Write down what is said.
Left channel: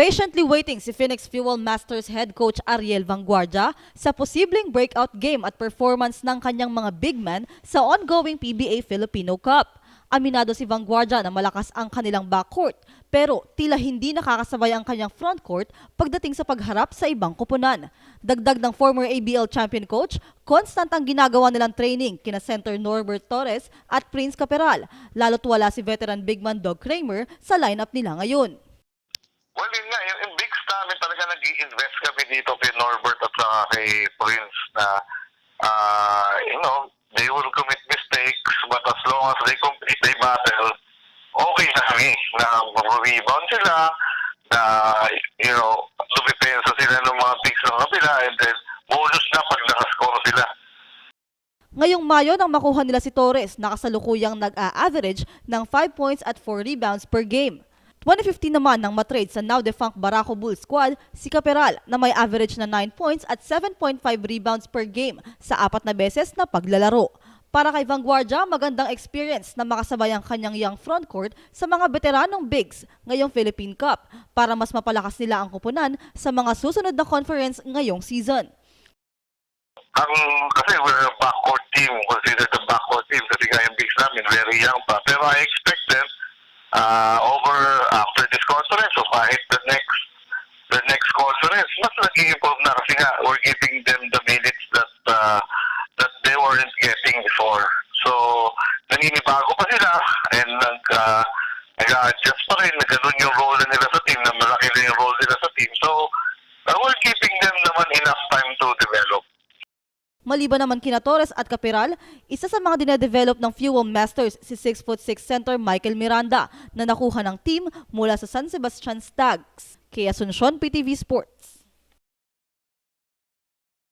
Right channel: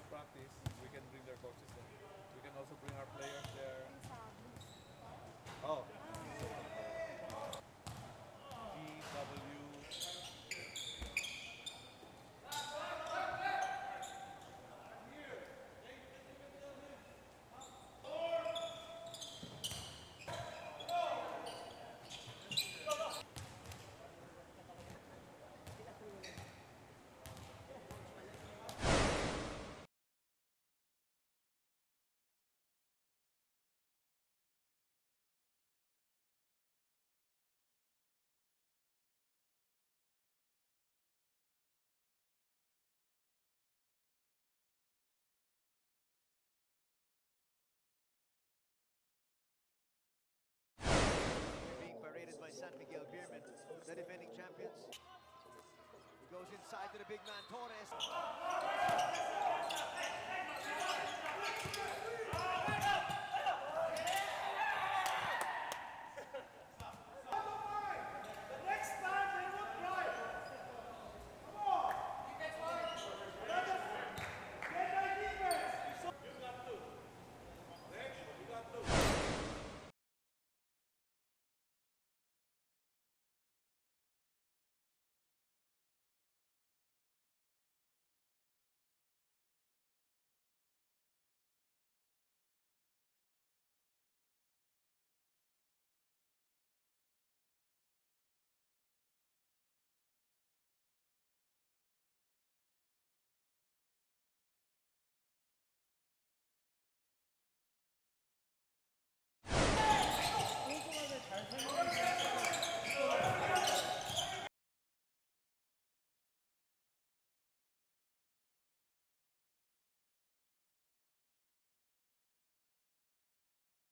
Patiently waiting si Phoenix Fuel Masters head coach Ariel Vanguardia sa posibleng breakout game at performance ng kanyang mga big men sa ongoing PBA Filipino Cup. Aminado si Vanguardia na malakas ang kanilang backcourt, pero tila hindi nakakasabay ang kanyang frontcourt pagdating sa pagharap sa ibang koponan. Dagdag ng former ABL champion coach, constant ang ginagawa nilang training kina center Norbert Torres at Prince Caperal, lalo't wala si veteran big man Doug Kramer sa lineup nila ngayon. Well, yun nga, yung big namin talaga nag-i-invest kami dito kay Norbert at saka kay Prince na, they will commit mistakes but as long as they complete, they battle, okay na kami. Na mag-rebound sila, na, lumipensa sila ng mga picks ng kabila and then bonus na pag nakascore sila. Ngayong Mayo nang makuha nila si Torres, nakasalukuyang nag-a-average ng 5 points at 4 rebounds per game. 150 naman nang matrade sa now-defunct Barako Bulls squad si Caperal na may average na 9 points at 7.5 rebounds per game sa 4 na beses na paglalaro. Para kay Vanguardia, magandang experience na makasabay ang kanyang young frontcourt sa mga veteranong bigs ngayong Philippine Cup para mas mapalakas nila ang koponan sa mga susunod na conference ngayong season. Kasi we're a backcourt team, considered a backcourt team kasi nga yung bigs namin very young pa. Pero I expect them after this conference o kahit the next conference, mas nag-i-improve na kasi nga we're giving them the minutes that they weren't getting before. So, naninibago pa sila and nag-adjust pa rin na ganun yung role nila sa team, na malaki na yung role nila sa team. So, we're giving them naman enough time to develop. Maliban naman kina Torres at Caperal, isa sa mga dinedevelop ng Fuel Masters si 6'6" center Michael Miranda na nakuha ng team mula sa San Sebastian Stags. Kay Asuncion, PTV Sports.